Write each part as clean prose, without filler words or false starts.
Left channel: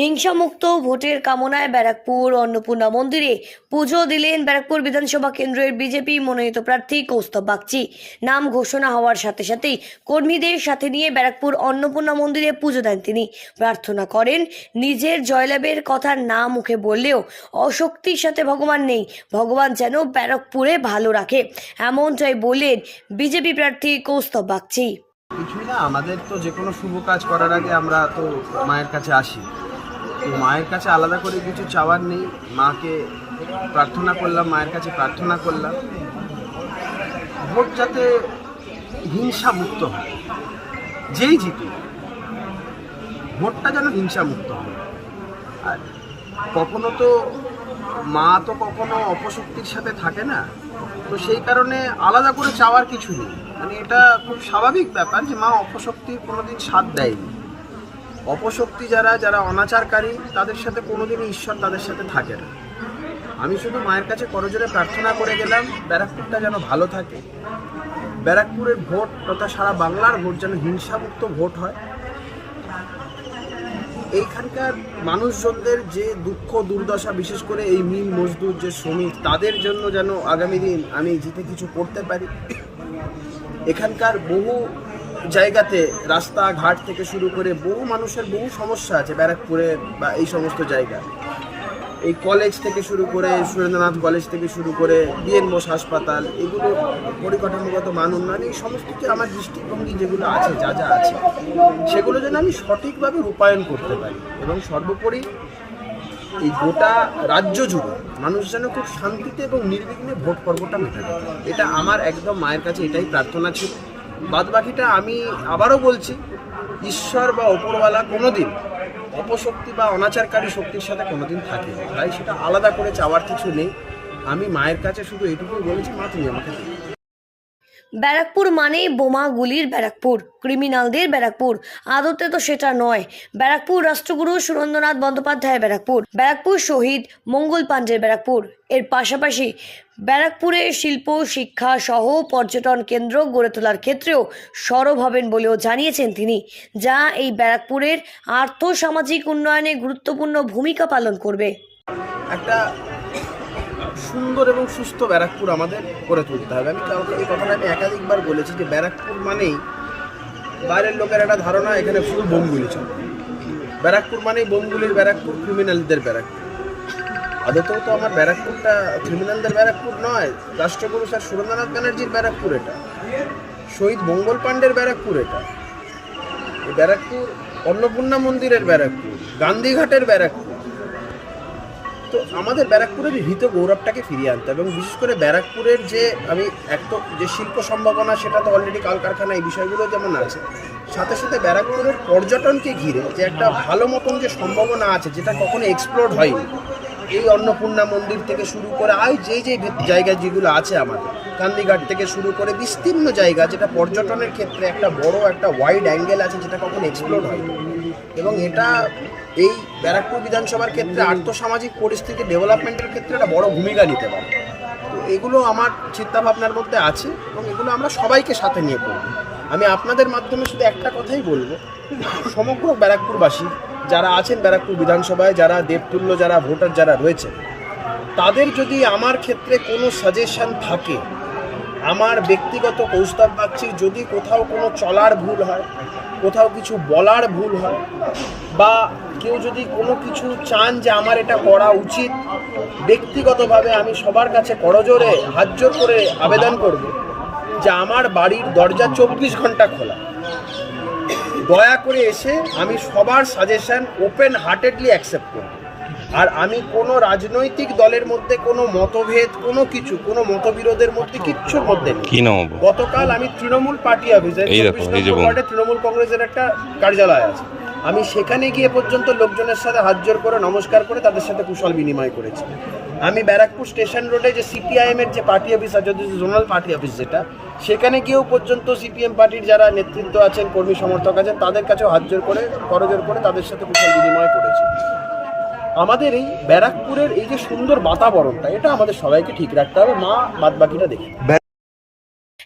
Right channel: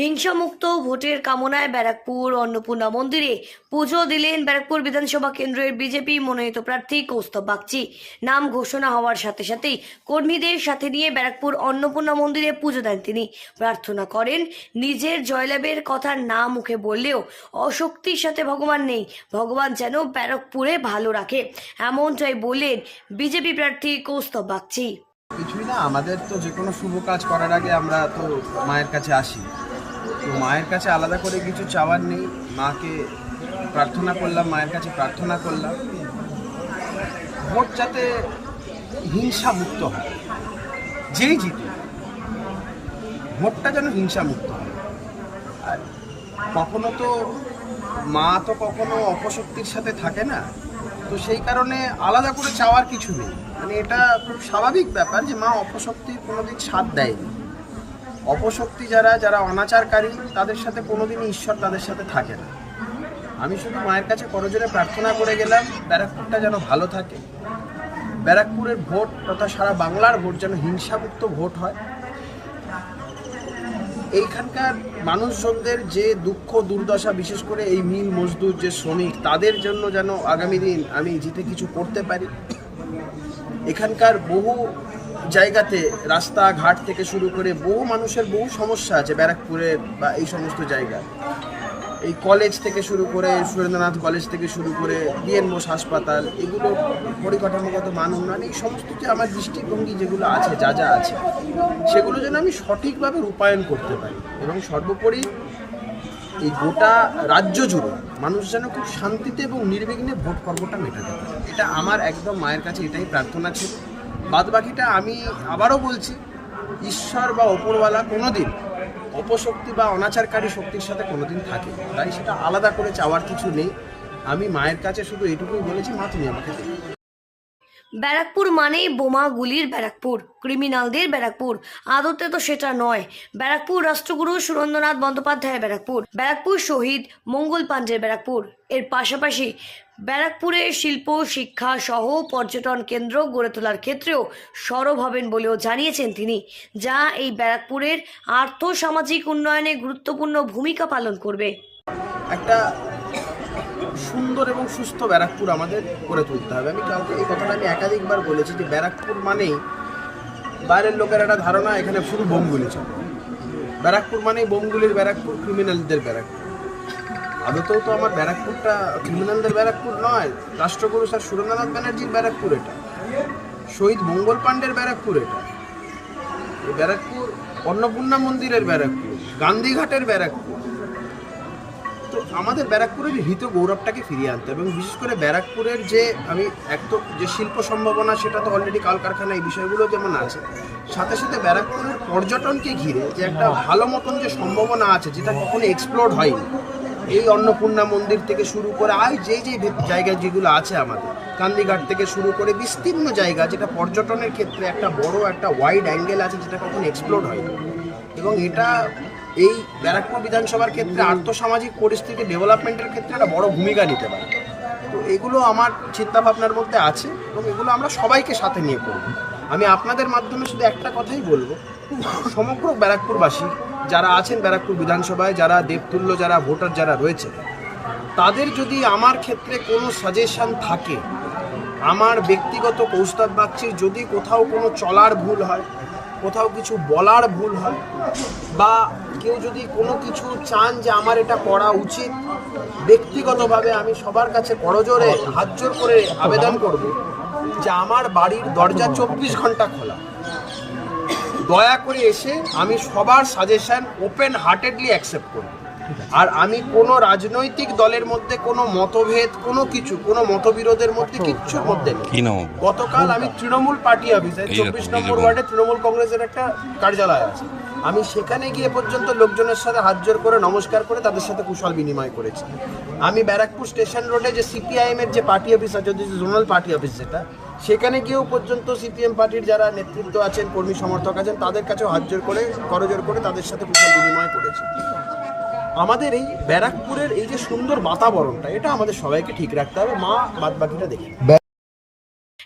হিংসামুক্ত ভোটের কামনায় ব্যারাকপুর অন্নপূর্ণা মন্দিরে পুজো দিলেন ব্যারাকপুর বিধানসভা কেন্দ্রের বিজেপি মনোনীত প্রার্থী কৌস্তব বাগচি। নাম ঘোষণা হওয়ার সাথে সাথেই কর্মীদের সাথে নিয়ে ব্যারাকপুর অন্নপূর্ণা মন্দিরে পুজো দেন তিনি। প্রার্থনা করেন, নিজের জয়লাভের কথা না মুখে বললেও অশক্তির সাথে ভগবান নেই, ভগবান যেন ব্যারাকপুরে ভালো রাখে, এমনটাই বললেন বিজেপি প্রার্থী কৌস্তব বাগচি। কিছুই না, আমাদের তো যে কোনো শুভ কাজ করার আগে আমরা তো মায়ের কাছে আসি। তো মায়ের কাছে আলাদা করে কিছু চাওয়ার নেই, মাকে প্রার্থনা করলাম, মায়ের কাছে প্রার্থনা করলাম ভোট যাতে হিংসা মুক্ত হয়, যেই জিতে ভোটটা যেন হিংসা মুক্ত হয়। আর কখনো তো মা তো কখনো অপশক্তির সাথে থাকে না, তো সেই কারণে আলাদা করে চাওয়ার কিছু নেই। মানে এটা খুব স্বাভাবিক ব্যাপার যে মা অপশক্তির কোনোদিন সাথ দেয়নি। অপশক্তি যারা অনাচারকারী তাদের সাথে কোনোদিনই ঈশ্বর তাদের সাথে থাকে না। আমি শুধু মায়ের কাছে করজোরে প্রার্থনা করে গেলাম ব্যারাকপুরটা যেন ভালো থাকে, ব্যারাকপুরের ভোট তথা সারা বাংলার ভোট যেন হিংসামুক্ত ভোট হয়। এইখানকার মানুষজনদের যে দুঃখ দুর্দশা, বিশেষ করে এই মিল মজদুর যে শ্রমিক, তাদের জন্য যেন আগামী দিন আমি জিতে কিছু করতে পারি। এখানকার বহু জায়গাতে রাস্তাঘাট থেকে শুরু করে বহু মানুষের বহু সমস্যা আছে ব্যারাকপুরের বা এই সমস্ত জায়গায়। এই কলেজ থেকে শুরু করে সুরেন্দ্রনাথ কলেজ থেকে শুরু করে বিএন বোস হাসপাতাল, এগুলোর পরিকাঠামোগত মান উন্নয়ন, এই সমস্ত যে আমার দৃষ্টিভঙ্গি যেগুলো আছে, যা আছে সেগুলো যেন আমি সঠিকভাবে রূপায়ণ করতে পারি এবং সর্বোপরি এই গোটা রাজ্য জুড়ে মানুষ যেন খুব শান্তিতে এবং নির্বিঘ্নে ভোট পর্বটা মেটাতে পারে। এটা আমার একদম মায়ের কাছে এটাই প্রার্থনা ছিল। বাদবাকিটা আমি আবারও বলছি, ঈশ্বর বা ওপরওয়ালা কোনোদিন অপশক্তি বা অনাচারকারী শক্তির সাথে কোনোদিন থাকে, তাই সেটা আলাদা করে চাওয়ার কিছু নেই। আমি মায়ের কাছে শুধু এটুকুই বলেছি, মা তুমি আমাকে দেখো। ব্যারাকপুর মানেই বোমা গুলির ব্যারাকপুর, ক্রিমিনালদের ব্যারাকপুর, আদতে তো সেটা নয়। ব্যারাকপুর রাষ্ট্রগুরু সুরেন্দ্রনাথ বন্দ্যোপাধ্যায়ের ব্যারাকপুর, ব্যারাকপুর শহীদ মঙ্গল পাণ্ডের ব্যারাকপুর। এর পাশাপাশি ব্যারাকপুরে শিল্প, শিক্ষা সহ পর্যটন কেন্দ্র গড়ে তোলার ক্ষেত্রেও সরব হবেন বলেও জানিয়েছেন তিনি, যা এই ব্যারাকপুরের আর্থ-সামাজিক উন্নয়নে গুরুত্বপূর্ণ ভূমিকা পালন করবে। একটা সুন্দর এবং সুস্থ ব্যারাকপুর আমাদের করে তুলতে হবে। আমি এই কথাটা আমি একাধিকবার বলেছি যে ব্যারাকপুর মানেই বাইরের লোকের একটা ধারণা এখানে শুধু বোমগুলি চলে। ব্যারাকপুর মানেই বোমগুলির ব্যারাকপুর, ক্রিমিনালদের ব্যারাকপুর। আদতেও তো আমার ব্যারাকপুরটা ক্রিমিনালদের ব্যারাকপুর নয়, রাষ্ট্রগুরু স্যার সুরেন্দ্রনাথ ব্যানার্জির ব্যারাকপুর এটা, শহীদ মঙ্গল পাণ্ডের ব্যারাকপুর এটা, এই ব্যারাকপুর অন্নপূর্ণা মন্দিরের ব্যারাকপুর, গান্ধীঘাটের ব্যারাকপুর। তো আমাদের ব্যারাকপুরের হৃত গৌরবটাকে ফিরিয়ে আনতে এবং বিশেষ করে ব্যারাকপুরের যে আমি যে শিল্প সম্ভাবনা, সেটা তো অলরেডি কলকারখানা এই বিষয়গুলো যেমন আছে, সাথে সাথে ব্যারাকপুরের পর্যটনকে ঘিরে যে একটা ভালো মতন যে সম্ভাবনা আছে, যেটা কখনো এক্সপ্লোর হয়নি, এই অন্নপূর্ণা মন্দির থেকে শুরু করে যেই জায়গা যেগুলো আছে আমাদের, গান্ধীঘাট থেকে শুরু করে বিস্তীর্ণ জায়গা, যেটা পর্যটনের ক্ষেত্রে একটা বড় একটা ওয়াইড অ্যাঙ্গেল আছে, যেটা কখনো এক্সপ্লোর হয়নি। এবং এটা এই ব্যারাকপুর বিধানসভার ক্ষেত্রে আর্থসামাজিক পরিস্থিতি ডেভেলপমেন্টের ক্ষেত্রে একটা বড় ভূমিকা নিতে পারে। তো এগুলো আমার চিন্তাভাবনার মধ্যে আছে এবং এগুলো আমরা সবাইকে সাথে নিয়ে করব। আমি আপনাদের মাধ্যমে শুধু একটা কথাই বলবো, সমগ্র ব্যারাকপুরবাসী যারা আছেন ব্যারাকপুর বিধানসভায়, যারা দেবতুল্য, যারা ভোটার যারা রয়েছে, তাদের যদি আমার ক্ষেত্রে কোনো সাজেশন থাকে, আমার ব্যক্তিগত কৌস্তব বাগচির যদি কোথাও কোনো চলার ভুল হয়, কোথাও কিছু বলার ভুল হয়, বা কেউ যদি কোনো কিছু চান যে আমার এটা করা উচিত, ব্যক্তিগতভাবে আমি সবার কাছে করজোরে হাত জোর করে আবেদন করব যে আমার বাড়ির দরজা 24 ঘন্টা খোলা, দয়া করে এসে আমি সবার সাজেশন ওপেন হার্টেডলি অ্যাকসেপ্ট করব। আর আমি কোনো রাজনৈতিক দলের মধ্যে কোনো মতভেদ, কোনো মতবিরোধের মধ্যে কিচ্ছুর মধ্যে নেই। গতকাল আমি তৃণমূল পার্টি অফিসে 24 নম্বর ওয়ার্ডে তৃণমূল কংগ্রেসের একটা কার্যালয় আছে, আমি সেখানে গিয়ে পর্যন্ত লোকজনের সাথে হাত জোর করে নমস্কার করে তাদের সাথে কুশল বিনিময় করেছি। আমি ব্যারাকপুর স্টেশন রোডে যে সিপিআইএমের যে পার্টি অফিস আছে, জোনাল পার্টি অফিস যেটা, সেখানে গিয়েও পর্যন্ত সিপিএম পার্টির যারা নেতৃত্ব আছেন, কর্মী সমর্থক আছেন, তাদের কাছেও হাত জোর করে করজোর করে তাদের সাথে কুশল বিনিময় করেছি। আমাদের এই ব্যারাকপুরের এই যে সুন্দর বাতাবরণটা, এটা আমাদের সবাইকে ঠিক রাখতে হবে, মা বাদবাকিটা দেখে।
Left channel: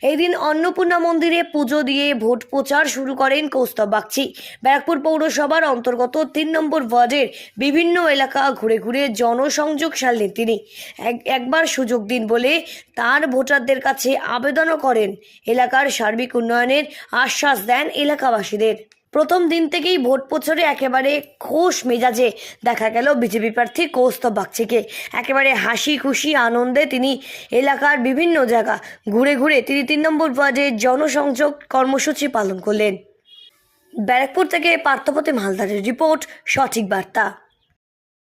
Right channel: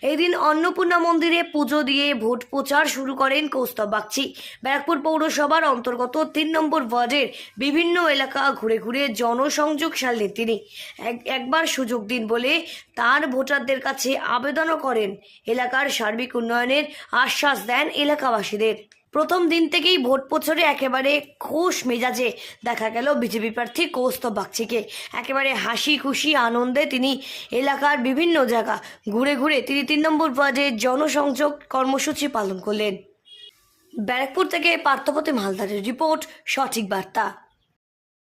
এই দিন অন্নপূর্ণা মন্দিরে পুজো দিয়ে ভোট প্রচার শুরু করেন কৌস্তব বাগচি। ব্যারাকপুর পৌরসভার অন্তর্গত 3 নম্বর ওয়ার্ডের বিভিন্ন এলাকা ঘুরে ঘুরে জনসংযোগ সারলেন তিনি। একবার সুযোগ দিন বলে তার ভোটারদের কাছে আবেদনও করেন। এলাকার সার্বিক উন্নয়নের আশ্বাস দেন এলাকাবাসীদের। প্রথম দিন থেকেই ভোট প্রচারে একেবারে খোশ মেজাজে দেখা গেল বিজেপি প্রার্থী কৌস্তব বাগচিকে। একেবারে হাসি খুশি আনন্দে তিনি এলাকার বিভিন্ন জায়গা ঘুরে ঘুরে তিনি 3 নম্বর ওয়ার্ডে জনসংযোগ কর্মসূচি পালন করলেন। ব্যারাকপুর থেকে পার্থপ্রতিম হালদারের রিপোর্ট, সঠিক বার্তা।